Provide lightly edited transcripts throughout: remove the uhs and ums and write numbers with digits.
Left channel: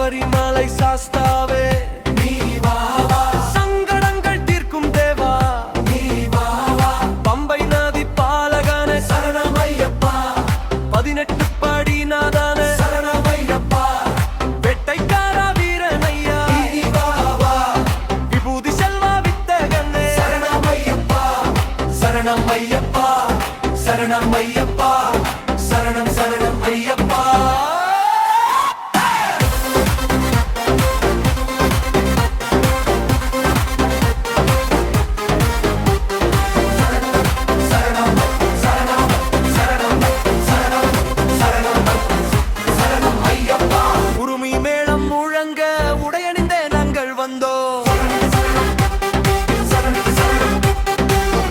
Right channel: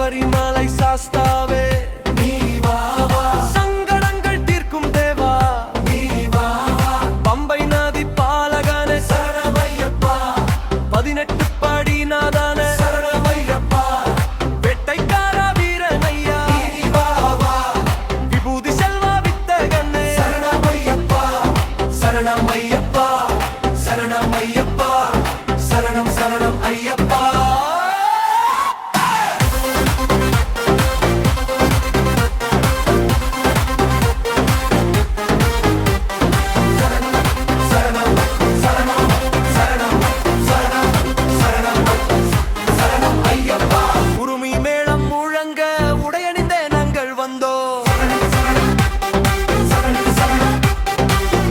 சபரிமலை சாஸ்தாவே நீ வா வா, சங்கடங்கள் தீர்க்கும் தேவா நீ வா வா, பம்பை நதி பாலகனே சரணமையப்பா, 18 படி நாதானே சரணமையப்பா, வெட்டைக்கார வீரனையா நீ வா வா, விபூதி செல்வா வித்தகனே சரணமையப்பா, சரணமையப்பா, சரணமையப்பா, சரணம் சரணம் ஐயப்பா. உருமி மேளம் முழங்க உடையணிந்தே நாங்கள் வந்தோ,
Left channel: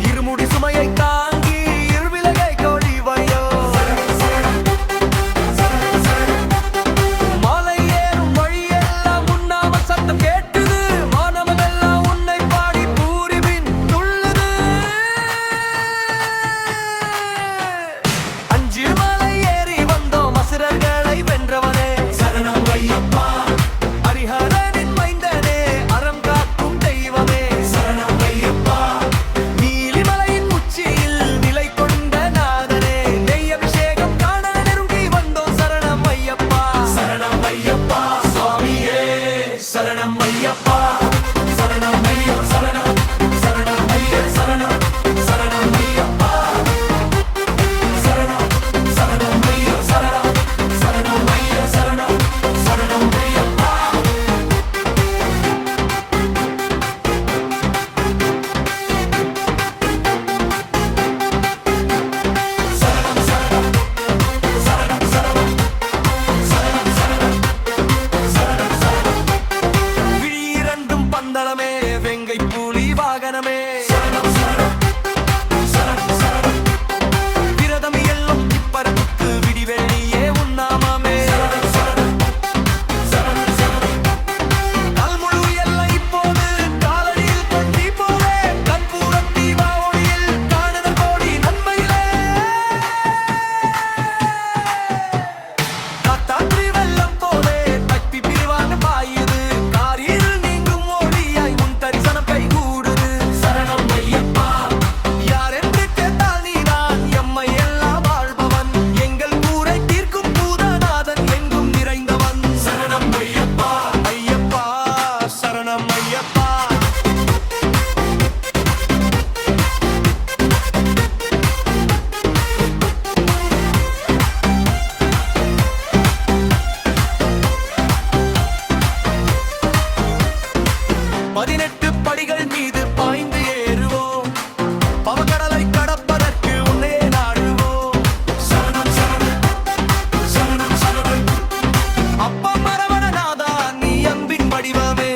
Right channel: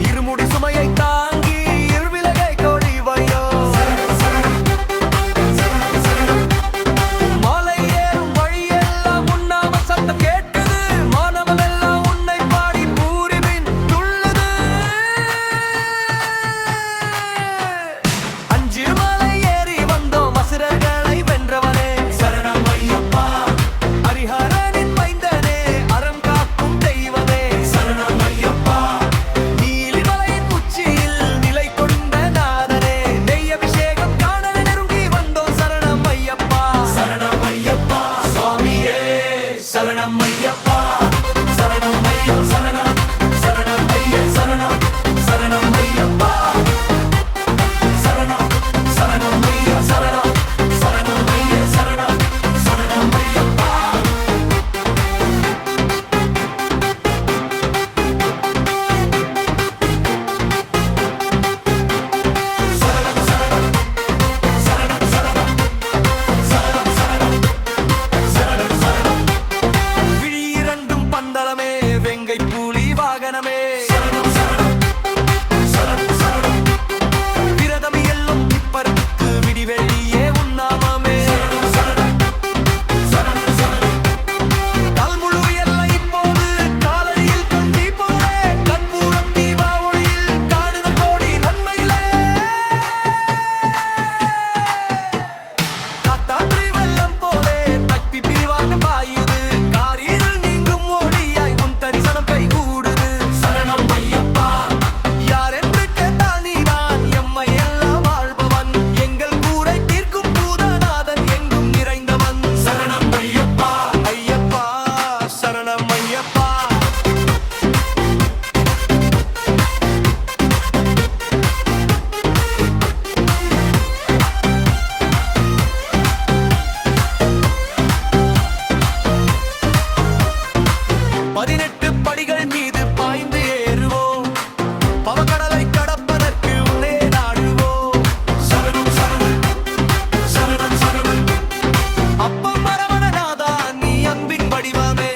இருமுடி சுமையை தாங்கி இருவிலகை கோடி வையோ, மலை ஏறும் வழியெல்லாம் உண்ணாம சத்தம் கேட்குது, மாணவனெல்லாம் உன்னை பாடி பூரிபின் துள்ளுது. 5 மலை ஏறி வந்தோம் அசுரர்களை வென்றவனே சரணமையப்பா, ஹரிஹரனின் மைந்தனே அறம் காக்கும் தெய்வமே சரணமையப்பா, நீலிமலையின் உச்சியில் நிலை கொண்ட நாதனே, நெய் அபிஷேகம் காண நெருங்கி வந்தோம் சரணமையப்பா, சரணமையப்பா சுவாமியே சரணமையப்பா, சரணமையா சரணம், சரணம் ஐயா சரணம், சரணம் ஐயப்பா, சரணம், சரணம் ஐயா சரணம், சரணம் ஐயா சரணம், சரணம் ஐயப்பா. விழி இரண்டும் பந்தளமே வெங்கை பூலி வாகனமே, விரதம் எல்லும் இப்பரத்துக்கு விடிவெள்ளியே உன்னாமமே, கல்முழு எல்லை இப்போது காலடியில் கொண்டி போலே, கற்பூர தீபா ஒளியில் காணுத கோடி நன்மையிலே, காத்தாற்றி வெள்ளம் போலே தப்பி பிரிவாங்க பாயுது, காரில் நீங்கும் ஒளியாய் உன் தரிசனம் கைகூடுது சரணமையப்பா, யார் என்று கேட்டால் நீதான் எம்மை எல்லாம் வாழ்பவன், எங்கள் கூரை தீர்க்கும் பூதநாதன் எங்கும் நிறைந்தவன் சரணமையப்பா, ஐயப்பா சரணமையப்பா. பதினெட்டு படிகள் மீது பாய்ந்து ஏறுவோம், பவக்கடலை கடப்பதற்கு உன்னே நாடுவோம் சரணம் சரணம், சரணம் சரணம் அப்பம் மரவணநாதா நீ அன்பின் வடிவமே,